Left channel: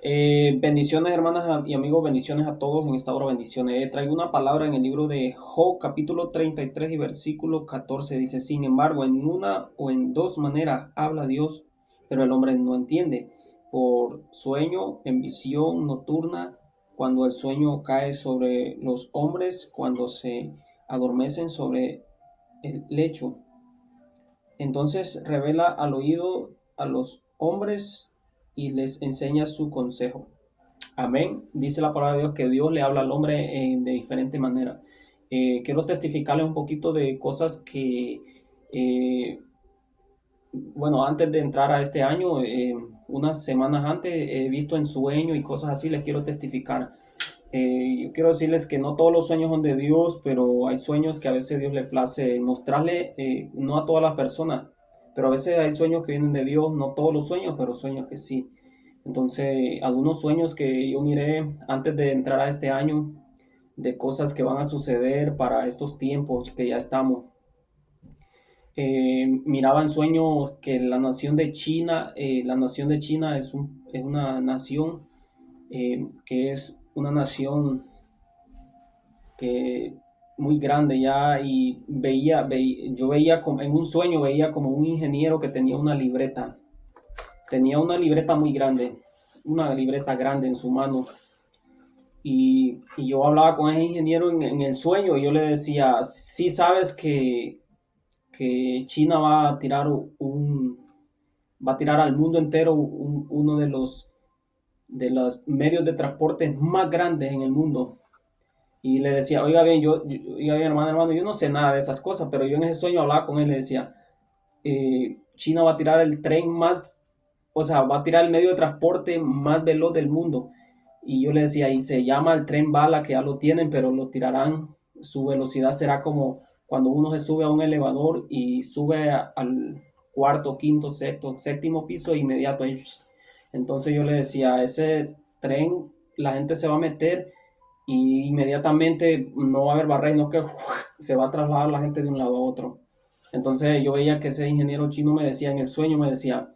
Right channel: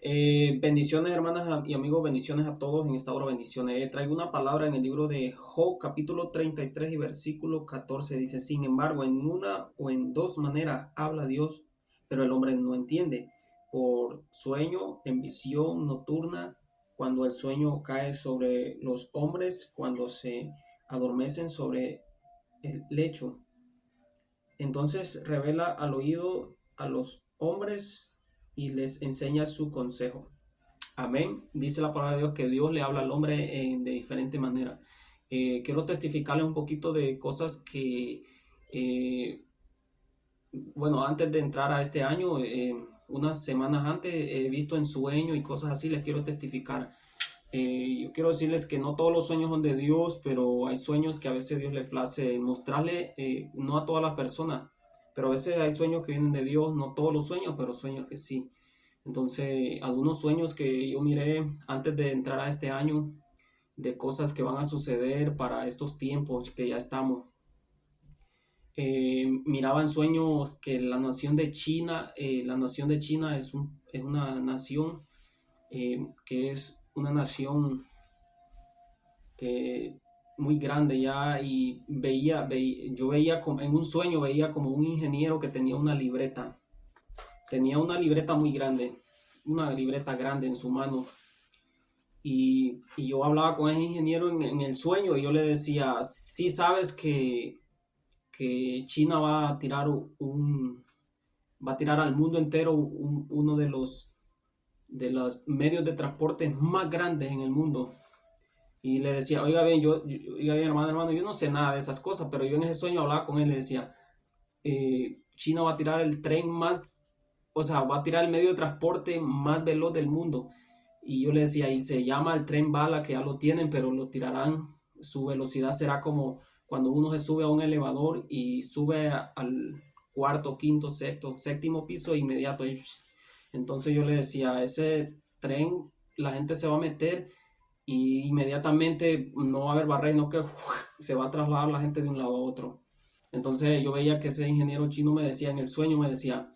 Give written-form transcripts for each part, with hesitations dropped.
Bendiciones, hermanas y amigos, bendiciones a todos en esta hora, bendiciones. Traigo una palabra en el libro de Job, capítulo 33 y versículo 14. Dice: sin embargo, en una o en dos maneras habla Dios, pero el hombre no entiende. Por sueño, en visión nocturna, cuando el sueño cae sobre los hombres, cuando se adormecen sobre el lecho. Entonces revela al oído a los hombres y les enseña su consejo. Amén. Dice la palabra de Dios que Dios le habla al hombre de diferente manera. Quiero testificarle un poquito de cosas que, eh, bueno, antes de entrar a este año, unas semanas antes, he visto en sueño y cosas así, les quiero testificar. Yo quiero decirles que no todos los sueños son de Dios, pero hay sueños que a veces Dios le place mostrarle, no a todas las personas, pero a veces hay sueños que vienen de Dios, no todos los sueños, pero sueños que sí. Entonces, algunos sueños que yo miré antes de entrar a este año, de cosas que van a suceder para estos tiempos que ya estamos. Miraba en sueños que la nación de China es una nación que es una nación que muy grande ya, y yo veía como, en un sueño veía como un ingeniero que tenía una libreta muy grande, una libreta grande en su mano, y yo hablaba con ese ingeniero en el sueño, y yo le decía: sí sabes que China va a tirar al mundo entero uno de los medios de transporte más grandes en el mundo. Y le decía: oiga bien, oiga bien, hermano, yo no sé nada de esas cosas, pero yo en ese sueño hablaba con él y le decía: China va a tirar el tren más, o sea, va a tirar el medio de transporte más veloz del mundo. Y yo le decía: y se llama el tren bala, que ya lo tienen, pero lo tirarán, su velocidad será como cuando uno se sube a un elevador y sube al cuarto, quinto, sexto, séptimo piso e inmediato ahí. Entonces yo le decía: ese tren, la gente se va a meter y inmediatamente no va a haber barrera, sino que se va a trasladar la gente de un lado a otro. Entonces yo veía que ese ingeniero chino me decía en el sueño, me decía:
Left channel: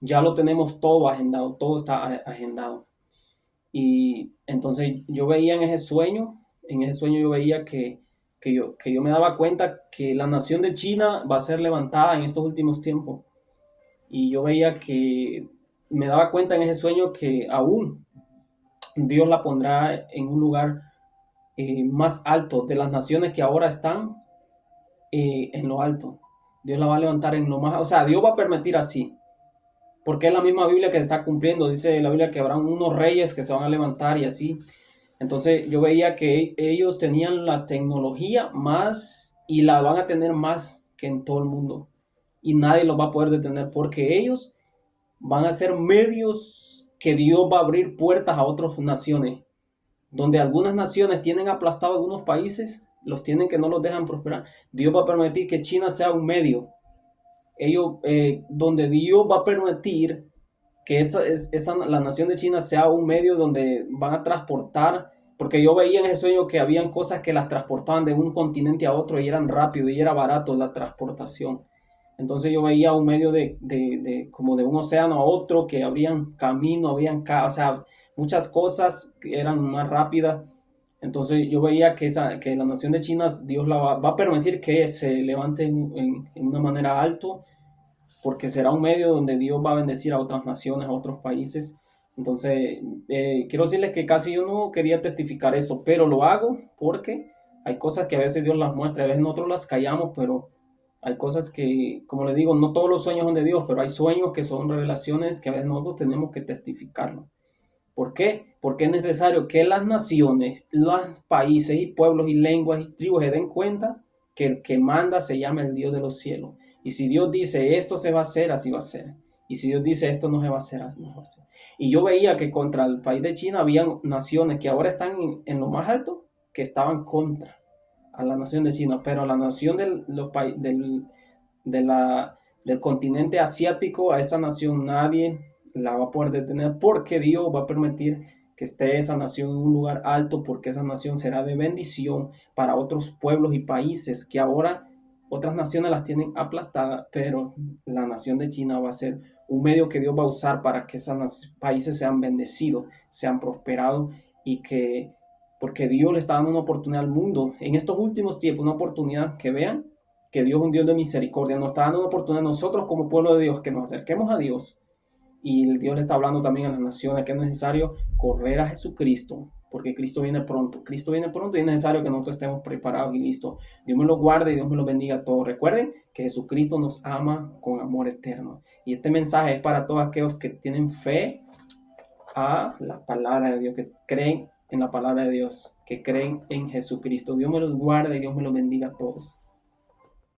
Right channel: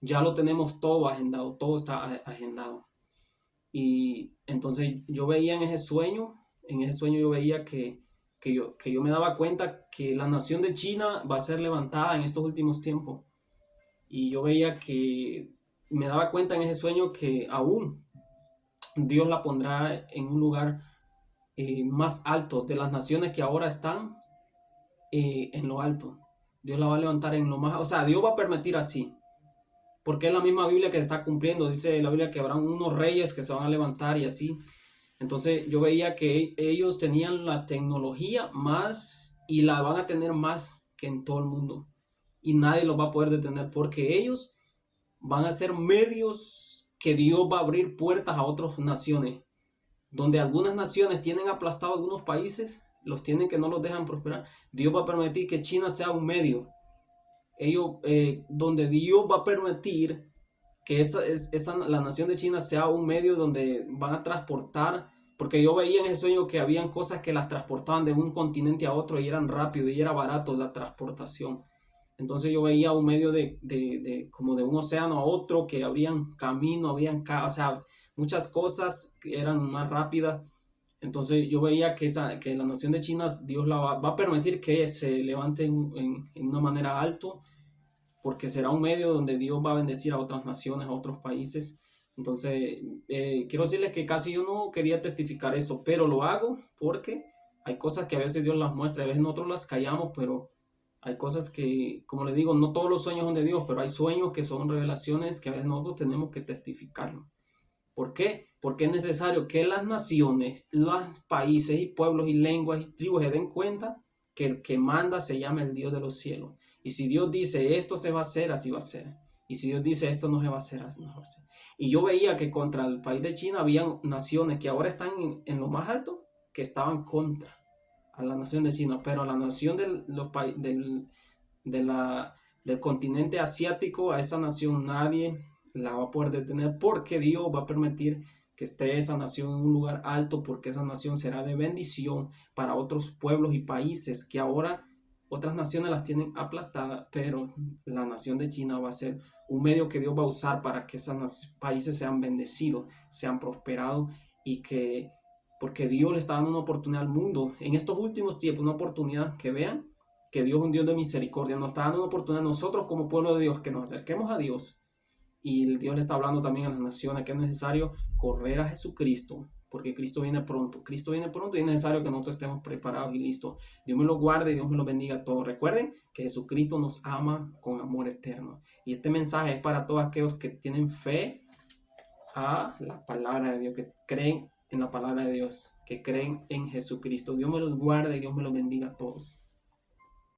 ya lo tenemos todo agendado, todo está agendado. Y entonces yo veía en ese sueño yo veía que yo me daba cuenta que la nación de China va a ser levantada en estos últimos tiempos. Y yo veía que, me daba cuenta en ese sueño que aún Dios la pondrá en un lugar más alto de las naciones que ahora están en lo alto. Dios la va a levantar en lo más, o sea, Dios va a permitir así, porque es la misma Biblia que se está cumpliendo. Dice la Biblia que habrán unos reyes que se van a levantar y así. Entonces yo veía que ellos tenían la tecnología más y la van a tener más que en todo el mundo. Y nadie los va a poder detener, porque ellos van a ser medios que Dios va a abrir puertas a otras naciones. Donde algunas naciones tienen aplastado a algunos países, los tienen que no los dejan prosperar. Dios va a permitir que China sea un medio. Donde Dios va a permitir que la nación de China sea un medio donde van a transportar, porque yo veía en ese sueño que habían cosas que las transportaban de un continente a otro y eran rápido y era barato la transportación. Entonces yo veía un medio como de un océano a otro, que habrían camino, o sea, muchas cosas que eran más rápidas. Entonces yo veía que la nación de China, Dios va a permitir que se levante en una manera alto, porque será un medio donde Dios va a bendecir a otras naciones, a otros países. Entonces, quiero decirles que casi yo no quería testificar esto, pero lo hago porque hay cosas que a veces Dios las muestra, a veces nosotros las callamos, pero hay cosas que, como le digo, no todos los sueños son de Dios, pero hay sueños que son revelaciones que a veces nosotros tenemos que testificarlo. ¿Por qué? Porque es necesario que las naciones, los países y pueblos y lenguas y tribus se den cuenta que el que manda se llama el Dios de los cielos. Y si Dios dice esto se va a hacer, así va a ser. Y si Dios dice esto no se va a hacer, así no se va a hacer. Y yo veía que contra el país de China habían naciones que ahora están en lo más alto, que estaban contra a la nación de China, pero la nación de del continente asiático, a esa nación nadie la va a poder detener, porque Dios va a permitir que esté esa nación en un lugar alto, porque esa nación será de bendición para otros pueblos y países que ahora otras naciones las tienen aplastadas, pero la nación de China va a ser un medio que Dios va a usar para que esos países sean bendecidos, sean prosperados y que, porque Dios le está dando una oportunidad al mundo en estos últimos tiempos, una oportunidad que vean que Dios es un Dios de misericordia, nos está dando una oportunidad a nosotros como pueblo de Dios, que nos acerquemos a Dios. Y Dios le está hablando también a las naciones que es necesario correr a Jesucristo, porque Cristo viene pronto. Cristo viene pronto y es necesario que nosotros estemos preparados y listos. Dios me lo guarde y Dios me lo bendiga a todos. Recuerden que Jesucristo nos ama con amor eterno. Y este mensaje es para todos aquellos que tienen fe a la palabra de Dios, que creen en la palabra de Dios, que creen en Jesucristo. Dios me los guarde y Dios me los bendiga a todos.